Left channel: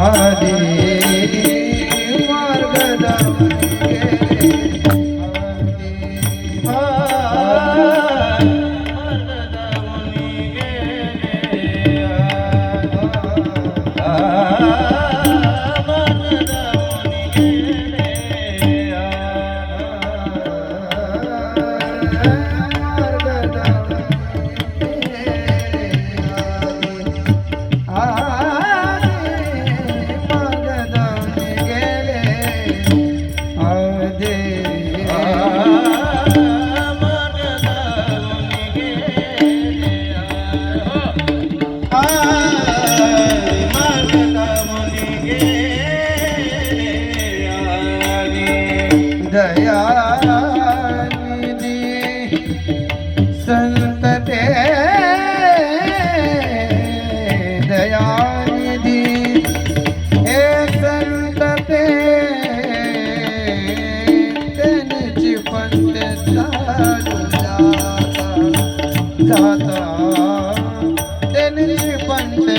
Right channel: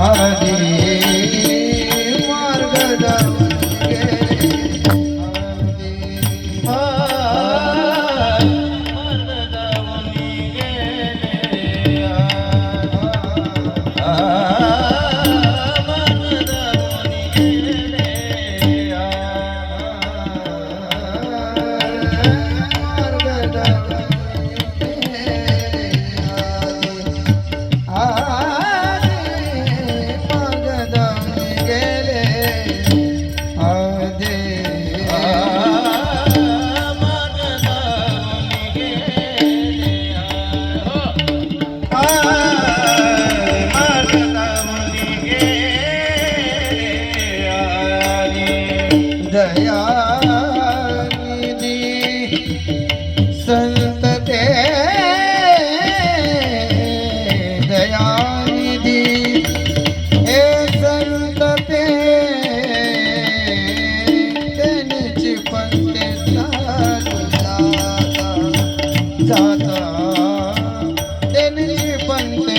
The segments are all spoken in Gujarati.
हरे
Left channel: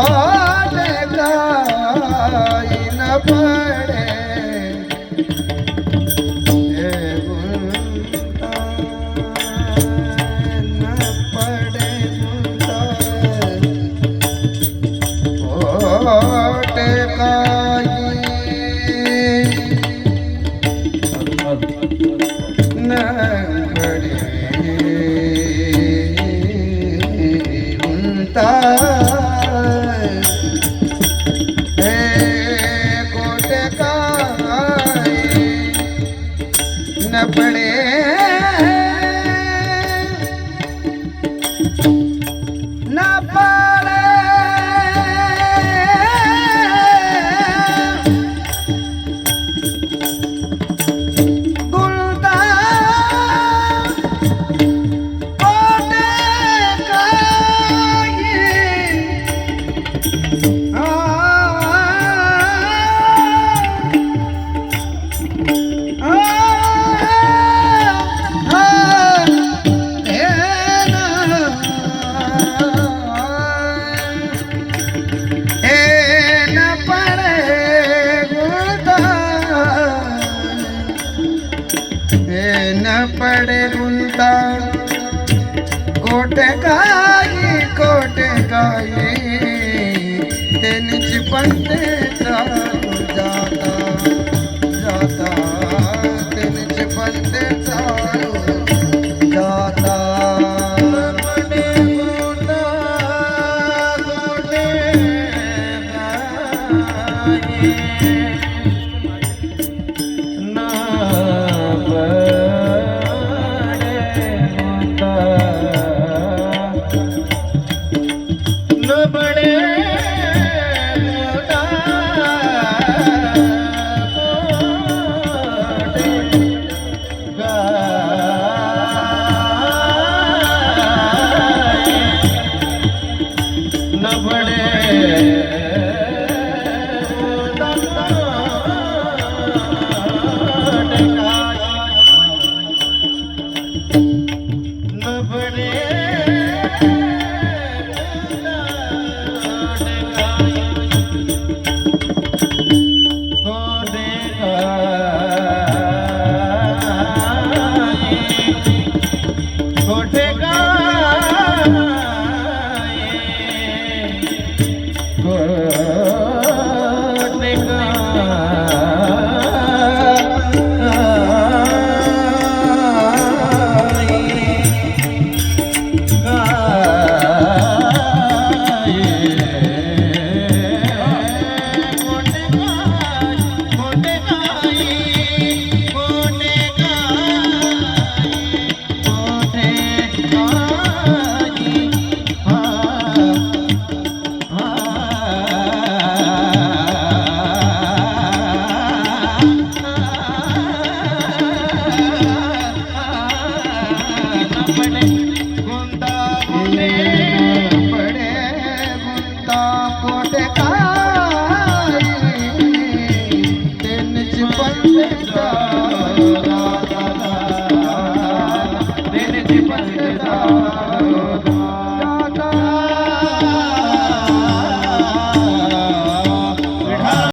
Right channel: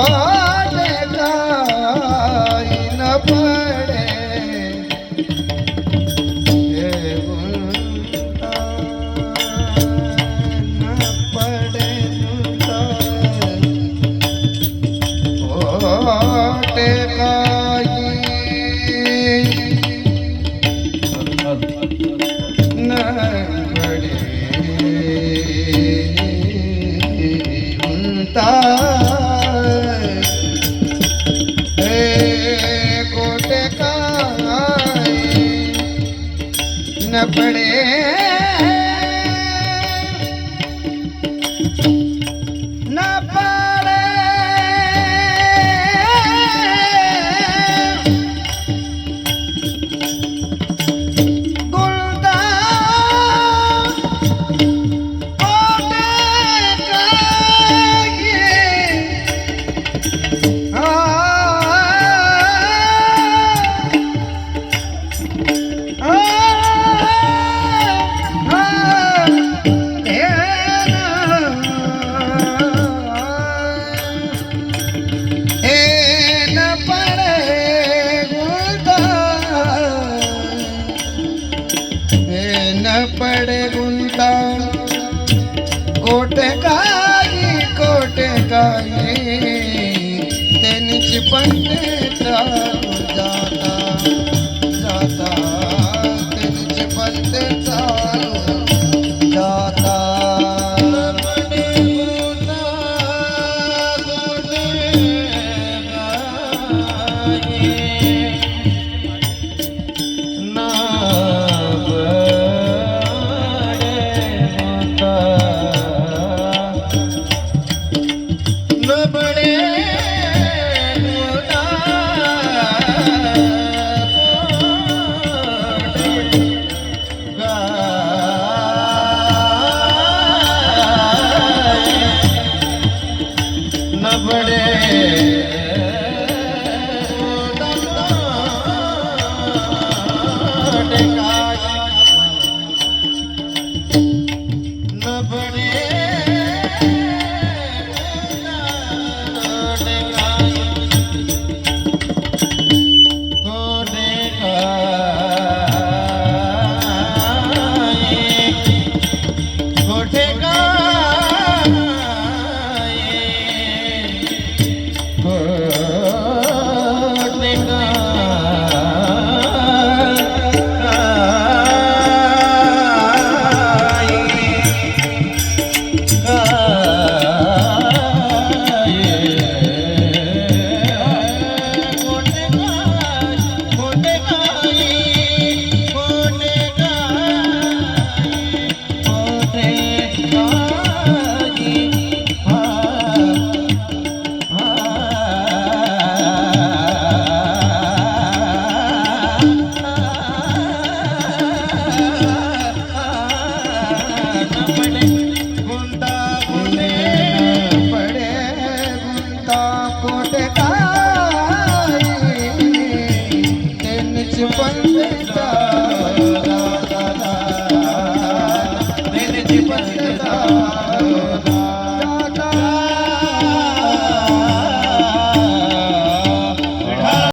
పాట కాయన పాడ ન પડે ભૂલતા કોટે કાઈ કોટે કાઈ તેને જ மனப்படே